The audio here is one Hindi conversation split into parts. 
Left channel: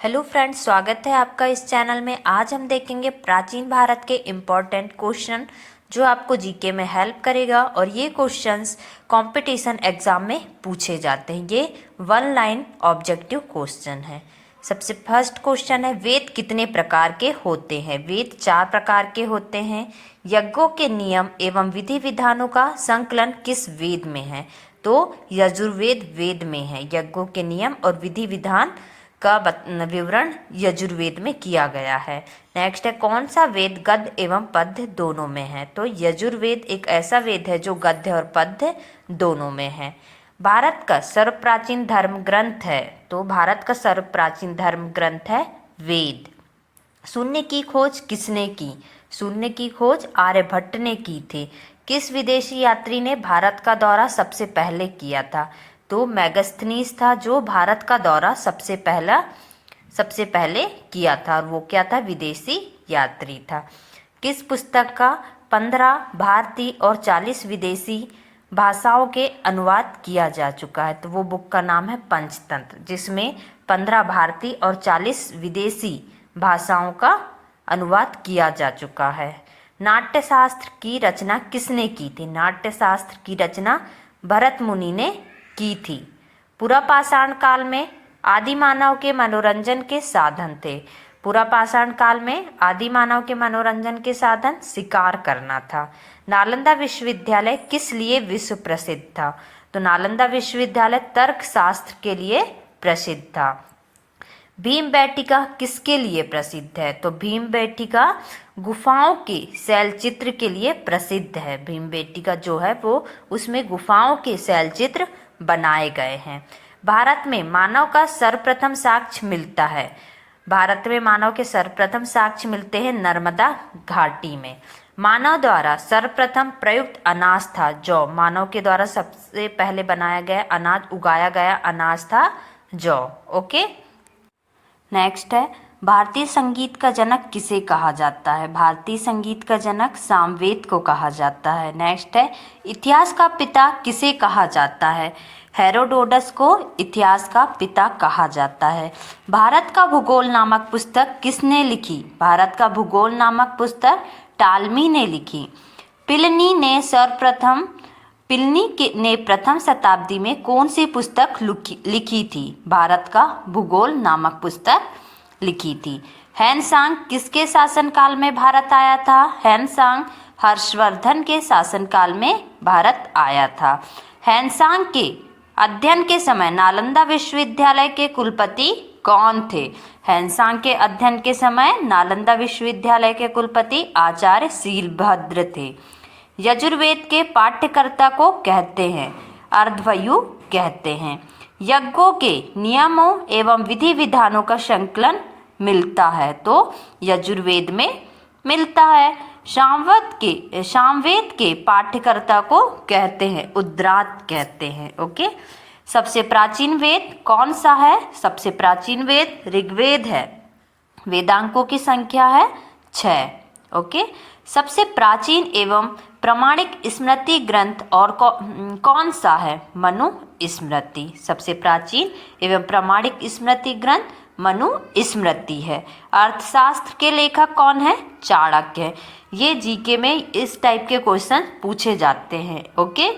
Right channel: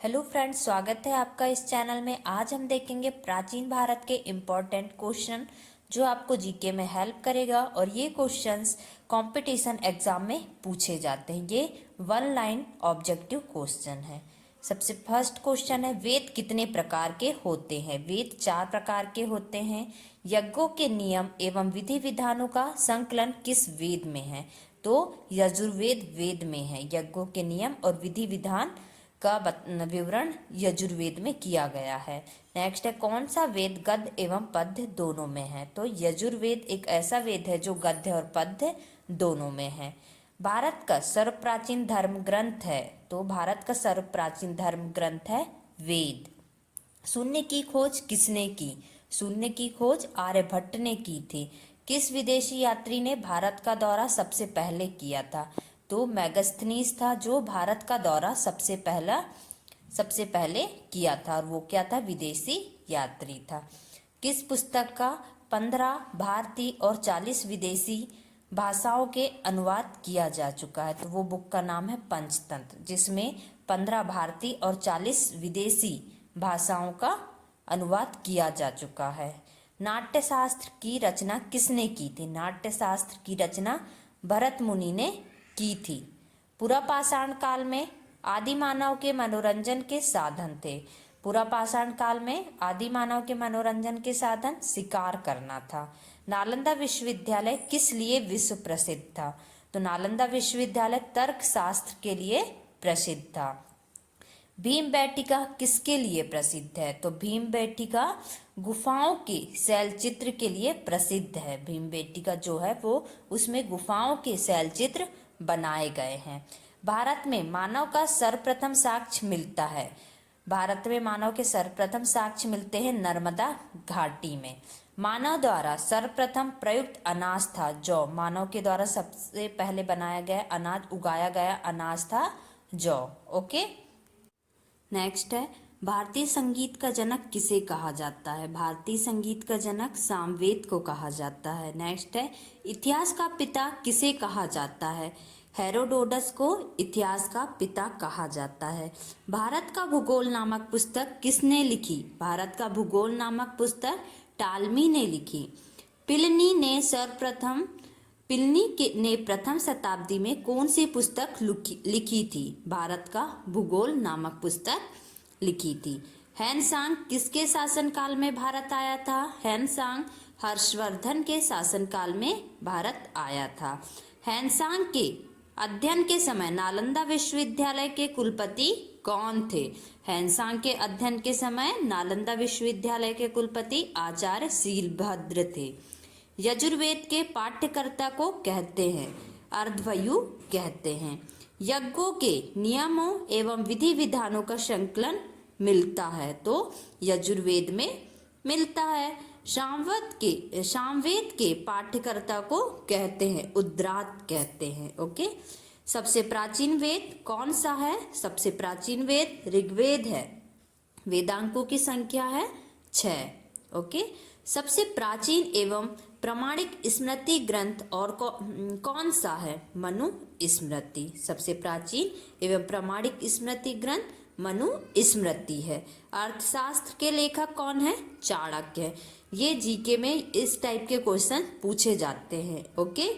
हेलो फ्रेंड्स, स्वागत है आपका इस चैनल में। आज हम देखेंगे प्राचीन भारत के इम्पोर्टेंट क्वेश्चन जो आपको जीके में हेल्प करेगा। और ये क्वेश्चंस कंपटीशन एग्जाम में पूछे जाते हैं। ये वन लाइन ऑब्जेक्टिव क्वेश्चन है। सबसे फर्स्ट क्वेश्चन है, वेद कितने प्रकार के होते हैं? वेद 4 प्रकार के होते हैं। यज्ञों के नियम एवं विधि विधानों का संकलन किस वेद में है? तो यजुर्वेद वेद में है। यज्ञों के नियम और विधि विधान का विवरण यजुर्वेद में किया गया है। नेक्स्ट है, कौन सा वेद गद्य एवं पद्य दोनों में है? तो यजुर्वेद एक ऐसा वेद है जो गद्य और पद्य दोनों में है। भारत का सर्व प्राचीन धर्म ग्रंथ है। तो भारत का सर्व प्राचीन धर्म ग्रंथ है वेद। शून्य की खोज किसने की? शून्य की खोज आर्यभट्ट ने की थी। किस विदेशी यात्री ने भारत का दौरा सबसे पहले किया था? तो मैगस्थनीज था जो भारत का दौरा सबसे पहले किया था। और वो क्या था? विदेशी यात्री था। किस पुस्तक का 15 भारतीय और 40 विदेशी भाषाओं के अनुवाद किया जा चुका है? तो वो बुक का नाम है पंचतंत्र, जिसमें 15 भारतीय और 40 विदेशी भाषाओं का अनुवाद किया जा चुका है। नाट्यशास्त्र की रचना किसने की थी? नाट्यशास्त्र की रचना भरत मुनि ने की थी। पुरापाषाण काल में आदि मानव के मनोरंजन के साधन थे। पुरापाषाण काल में आदि मानव के मनोरंजन के साधन शिकार करना था। नालंदा विश्वविद्यालय किस लिए विश्व प्रसिद्ध था? तो नालंदा विश्वविद्यालय तर्कशास्त्र के लिए प्रसिद्ध था। भीमबेटका किसके लिए प्रसिद्ध है? तो भीमबेटका गुफाओं के शैलचित्र के लिए प्रसिद्ध है। भीमबेटका जो है वो उसमें गुफाओं के शैलचित्र बनाए गए हैं। भारत में मानव का सर्वप्रथम साक्ष्य मिलता है। भारत में मानव के सर्वप्रथम साक्ष्य मिलते हैं नर्मदा घाटी में। मानव द्वारा सर्वप्रथम प्रयुक्त अनाज था जौ। मानव के द्वारा सबसे पहले बनाया गया अनाज, उगाया गया अनाज था जौ। ओके, नेक्स्ट है, भारतीय संगीत का जनक किसे कहा जाता है? भारतीय संगीत का जनक सामवेद को कहा जाता है। नेक्स्ट है, इतिहास का पिता किसे कहा जाता है? हेरोडोटस को इतिहास का पिता कहा जाता है। भारत का भूगोल नामक पुस्तक किसने लिखी? भारत का भूगोल नामक पुस्तक टालमी ने लिखी। पिलनी ने प्रथम शताब्दी में कौन सी पुस्तक लिखी थी? भारत का भूगोल नामक पुस्तक लिखी थी। हैनसांग किसके शासनकाल में भारत आया था? हैनसांग हर्षवर्धन के शासनकाल में भारत आया था। हैनसांग के अध्ययन के समय नालंदा विश्वविद्यालय के कुलपति कौन थे? हैनसांग के अध्ययन के समय नालंदा विश्वविद्यालय के कुलपति आचार्य शीलभद्र थे। यजुर्वेद के पाठ्यकर्ता को कहते हैं अर्धवयु कहते हैं। यज्ञों के नियमों एवं विधि विधानों का संकलन मिलता है तो यजुर्वेद में मिलता है। सामवेद के पाठ्यकर्ता को कहते हैं उद्रात कहते हैं। ओके, सबसे प्राचीन वेद कौन सा है? सबसे प्राचीन वेद ऋग्वेद है। वेदांकों की संख्या है 6। ओके, सबसे प्राचीन एवं प्रमाणिक स्मृति ग्रंथ और कौन सा है? मनु स्मृति। सबसे प्राचीन एवं प्रमाणिक स्मृति ग्रंथ मनु स्मृति है। अर्थशास्त्र के लेखक कौन है? चाणक्य। ये जीके में इस टाइप के क्वेश्चन पूछे जाते हैं। ओके,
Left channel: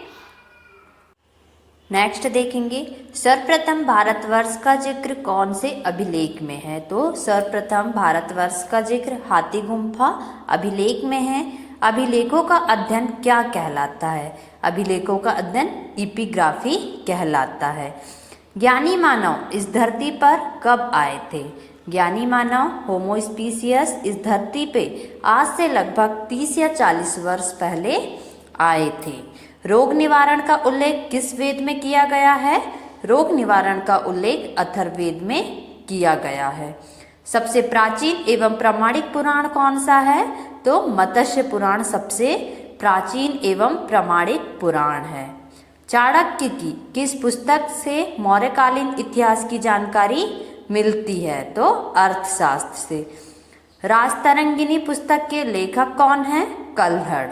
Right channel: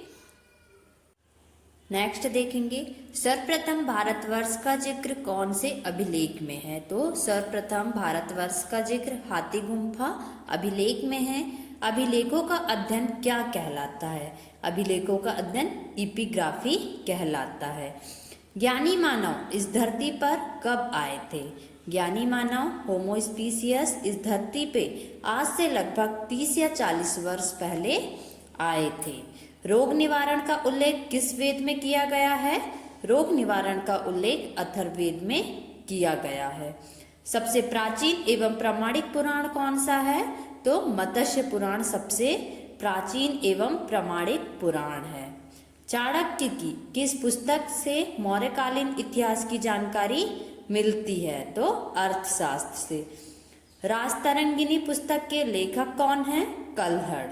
नेक्स्ट देखेंगे, सर्वप्रथम भारतवर्ष का जिक्र कौन से अभिलेख में है? तो सर्वप्रथम भारतवर्ष का जिक्र हाथी गुम्फा अभिलेख में है। अभिलेखों का अध्ययन क्या कहलाता है? अभिलेखों का अध्ययन इपिग्राफी कहलाता है। ज्ञानी मानव इस धरती पर कब आए थे? ज्ञानी मानव होमो स्पीसियस इस धरती पे आज से लगभग 30 या 40 वर्ष पहले आए थे। रोग निवारण का उल्लेख किस वेद में किया गया है? रोग निवारण का उल्लेख अथर्ववेद में किया गया है। सबसे प्राचीन एवं प्रमाणिक पुराण कौन सा है? तो मत्स्य पुराण सबसे प्राचीन एवं प्रमाणिक पुराण है। चाणक्य की किस पुस्तक से मौर्यकालीन इतिहास की जानकारी मिलती है? तो अर्थशास्त्र से। राजतरंगिणी पुस्तक के लेखक कौन है? कल्हड़।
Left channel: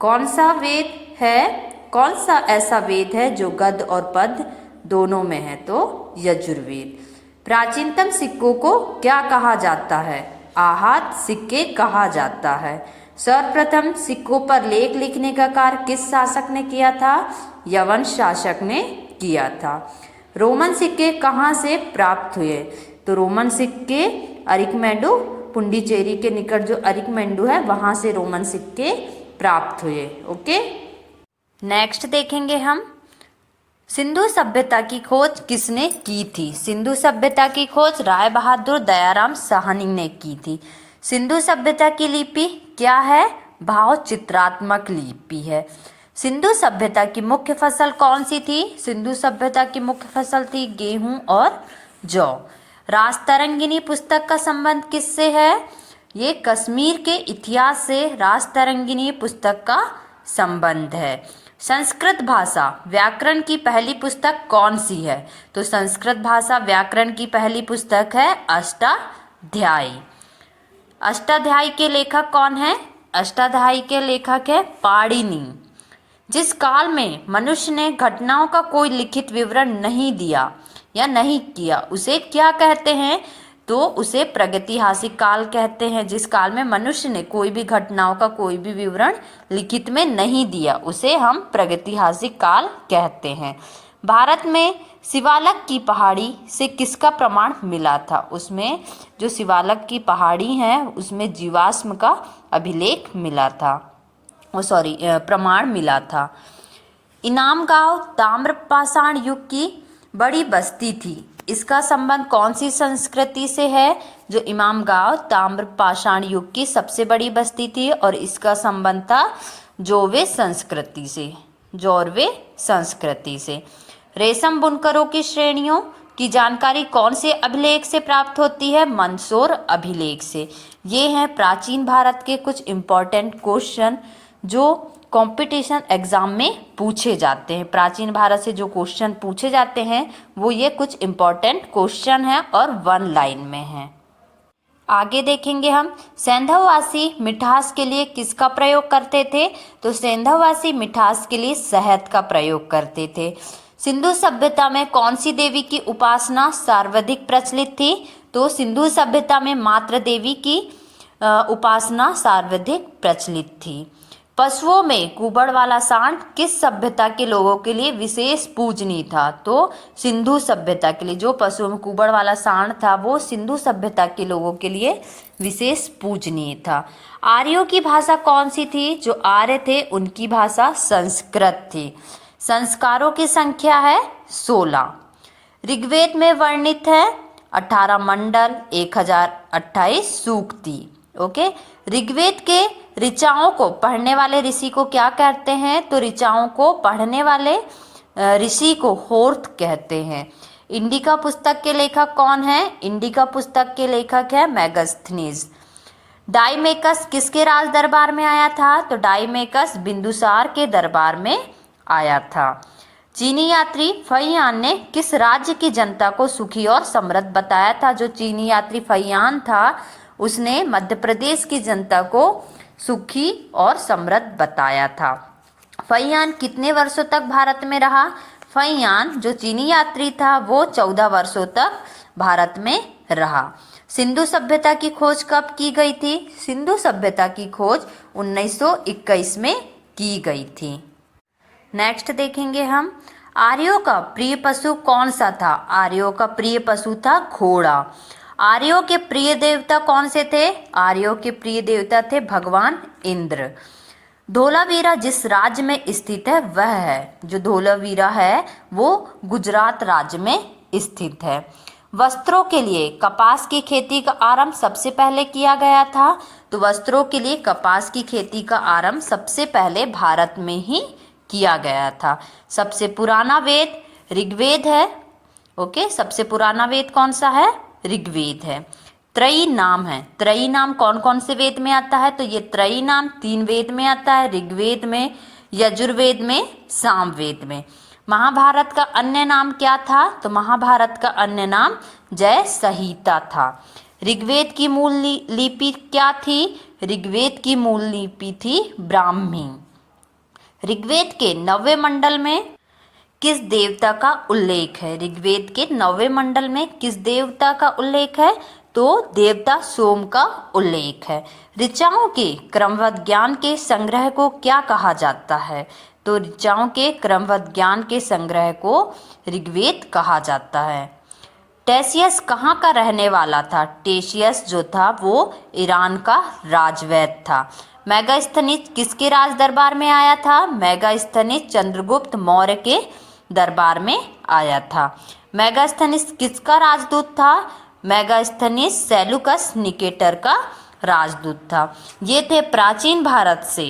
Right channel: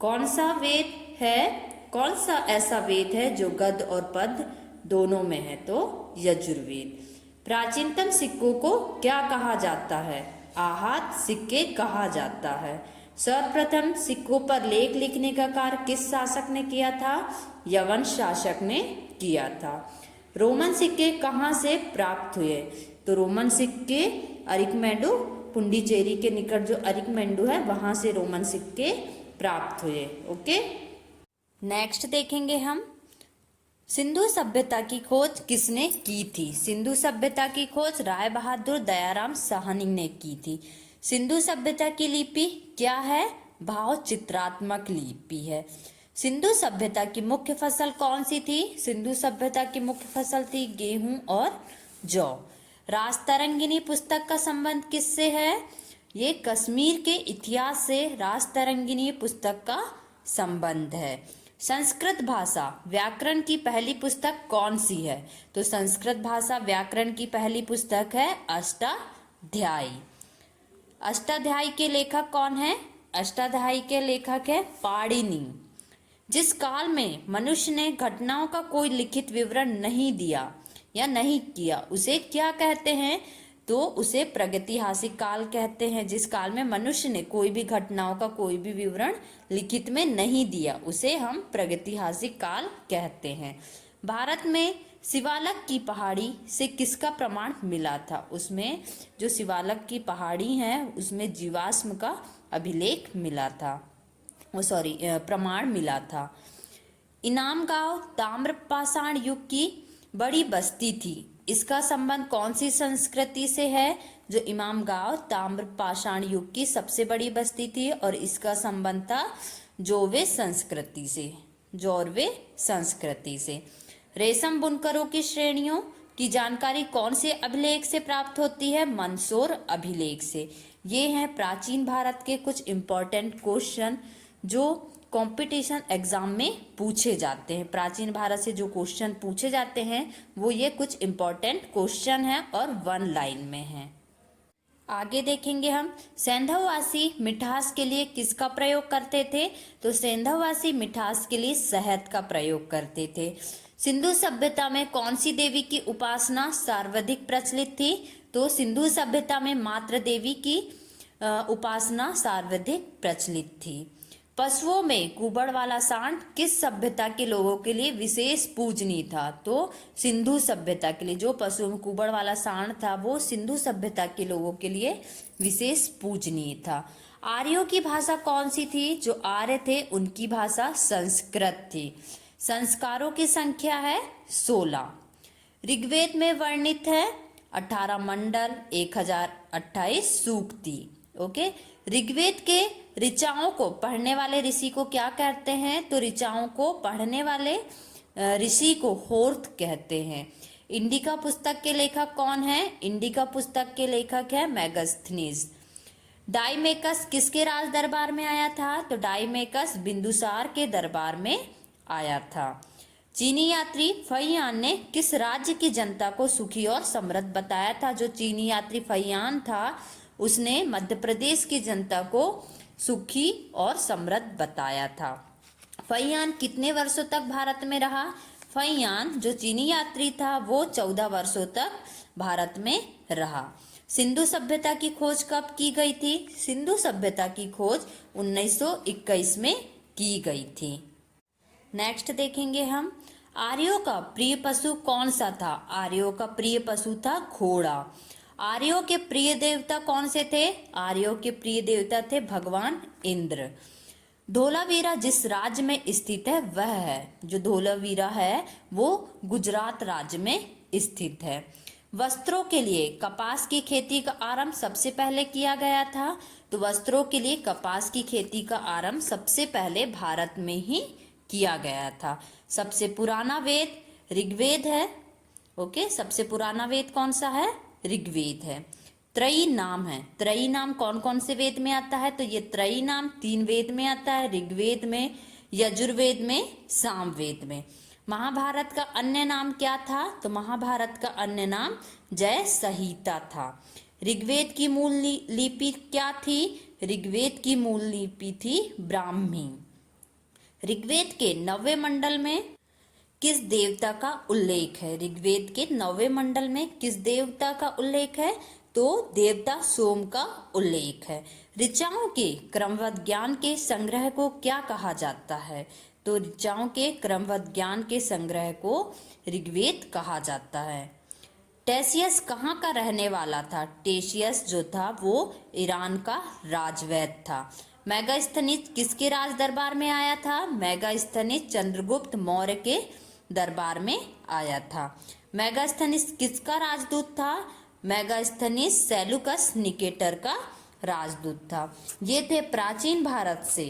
कौन सा वेद है? कौन सा ऐसा वेद है जो गद्य और पद्य दोनों में है? तो यजुर्वेद। प्राचीनतम सिक्कों को क्या कहा जाता है? आहत सिक्के कहा जाता है। सर्वप्रथम सिक्कों पर लेख लिखने का कार्य किस शासक ने किया था? यवन शासक ने किया था। रोमन सिक्के कहाँ से प्राप्त हुए? तो रोमन सिक्के अरिक्मेडो, पुंडीचेरी के निकट जो अरिक्मेडो है वहां से रोमन सिक्के प्राप्त हुए। ओके, नेक्स्ट देखेंगे हम सिंधु सभ्यता की खोज किसने की थी? सिंधु सभ्यता की खोज राय बहादुर दयाराम साहनी ने की थी। सिंधु सभ्यता की लिपि क्या है? भाव चित्रात्मक लिपि है। सिंधु सभ्यता की मुख्य फसल कौन सी थी? सिंधु सभ्यता की मुख्य फसल थी गेहूं और जौ। राजतरंगिनी पुस्तक का संबंध किससे है? ये कश्मीर के इतिहास से राजतरंगिनी पुस्तक का संबंध है। संस्कृत भाषा व्याकरण की पहली पुस्तक कौन सी है? तो संस्कृत भाषा व्याकरण की पहली पुस्तक है अष्टाध्यायी। अष्टाध्यायी के लेखक कौन है? अष्टाध्यायी के लेखक है पाणिनि। जिस काल में मनुष्य ने घटनाओं का कोई लिखित विवरण नहीं दिया या नहीं किया उसे क्या कहते हैं? तो उसे प्रागैतिहासिक काल कहते हैं। जिस काल में मनुष्य ने कोई भी घटनाओं का कोई भी विवरण लिखित में नहीं दिया उसे हम प्रागैतिहासिक काल कहते हैं। भारत में शिवालक की पहाड़ी से किसका प्रमाण मिला था? उसमें जो शिवालक की पहाड़ी है उसमें जीवाश्म का अभिलेख मिला था, प्रमाण मिला था। इनाम गांव ताम्रपाषाण युग की बड़ी बस्ती थी। इसका संबंध कौन सी संस्कृति से है? जो इमाम गांव ताम्रपाषाण युग की सबसे बड़ी बस्ती थी और इसका संबंध था जोरवे संस्कृति से। जोरवे संस्कृति से। रेशम बुनकरों की श्रेणियों की जानकारी कौन से अभिलेख से प्राप्त होती है? मंदसौर अभिलेख से। ये हैं प्राचीन भारत के कुछ इम्पोर्टेंट क्वेश्चन जो कंपटीशन एग्जाम में पूछे जाते हैं। प्राचीन भारत से जो क्वेश्चन पूछे जाते हैं वो ये कुछ इम्पोर्टेंट क्वेश्चन हैं और 1 लाइन में हैं। आगे देखेंगे हम सेंधववासी मिठास के लिए किसका प्रयोग करते थे? तो सेंधववासी मिठास के लिए शहद का प्रयोग करते थे। सिंधु सभ्यता में कौन सी देवी की उपासना सर्वाधिक प्रचलित थी? तो सिंधु सभ्यता में मातृ देवी की उपासना सर्वाधिक प्रचलित थी। पशुओं में कुबड़ वाला सांड किस सभ्यता के लोगों के लिए विशेष पूजनीय था? तो सिंधु सभ्यता के लिए जो पशुओं में कुबड़ वाला सांड था वो सिंधु सभ्यता के लोगों के लिए विशेष पूजनीय था। आर्यों की भाषा कौन सी थी? जो आर्य थे उनकी भाषा संस्कृत थी। संस्कारों की संख्या है 16। ऋग्वेद में वर्णित है 18 मंडल, 1028 सूक्ति। ओके, ऋग्वेद के ऋचाओं को पढ़ने वाले ऋषि को क्या कहते हैं? तो ऋचाओं को पढ़ने वाले ऋषि को होर्थ कहते हैं। इंडिका पुस्तक के लेखक कौन है? इंडिका पुस्तक के लेखक है मेगास्थनीज। डाइमेकस किसके राज दरबार में आया था? तो डाइमेकस बिंदुसार के दरबार में आया था। चीनी यात्री फहियान ने किस राज्य की जनता को सुखी और समृद्ध बताया था? जो चीनी यात्री फहियान था उसने मध्य प्रदेश की जनता को सुखी और समृद्ध बताया था। फहियान कितने वर्षों तक भारत में रहा? फहियान जो चीनी यात्री था वो 14 वर्षों तक भारत में रहा। सिंधु सभ्यता की खोज कब की गई थी? सिंधु सभ्यता की खोज 1921 में की गई थी। नेक्स्ट देखेंगे हम आर्यों का प्रिय पशु कौन सा था? आर्यों का प्रिय पशु था घोड़ा। आर्यों के प्रिय देवता कौन से थे? आर्यों के प्रिय देवता थे भगवान इंद्र। धोलावीरा जिस राज्य में स्थित है वह है, जो धोलावीरा है वो गुजरात राज्य में स्थित है। वस्त्रों के लिए कपास की खेती का आरंभ सबसे पहले किया गया था। तो वस्त्रों के लिए कपास की खेती का आरंभ सबसे पहले भारत में ही किया गया था। सबसे पुराना वेद ऋग्वेद है। ओके, सबसे पुराना वेद कौन सा है? ऋग्वेद है। त्रयी नाम है। त्रयी नाम कौन कौन से वेद में आता है? तो ये त्रयी नाम 3 वेद में आता है, ऋग्वेद में, यजुर्वेद में, सामवेद में। महाभारत का अन्य नाम क्या था? तो महाभारत का अन्य नाम जय संहिता था। ऋग्वेद की मूल लिपि क्या थी? ऋग्वेद की मूल लिपि थी ब्राह्मी। ऋग्वेद के 9वें मंडल में किस देवता का उल्लेख है? ऋग्वेद के 9वें मंडल में किस देवता का उल्लेख है? तो देवता सोम का उल्लेख है। ऋचाओं के क्रमबद्ध ज्ञान के संग्रह को क्या कहा जाता है? तो ऋचाओं के क्रमबद्ध ज्ञान के संग्रह को ऋग्वेद कहा जाता है। टेसियस कहाँ का रहने वाला था? टेसियस जो था वो ईरान का राजवैद था। मेगास्थनीज किसके राज दरबार में आया था? मेगास्थनीज चंद्रगुप्त मौर्य के दरबार में आया था। मेगास्थनीज किसका राजदूत था? मेगास्थनीज सेलुकस निकेटर का राजदूत था। ये थे प्राचीन भारत से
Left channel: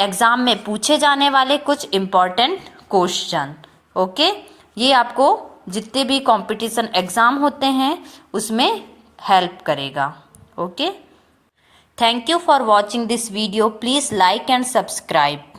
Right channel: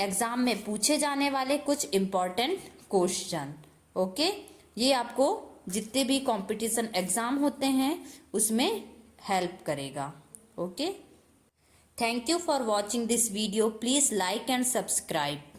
एग्जाम में पूछे जाने वाले कुछ इम्पोर्टेंट क्वेश्चन। ओके, ये आपको जितने भी कंपटीशन एग्जाम होते हैं उसमें हेल्प करेगा। Okay, thank you for watching this video. Please like and subscribe.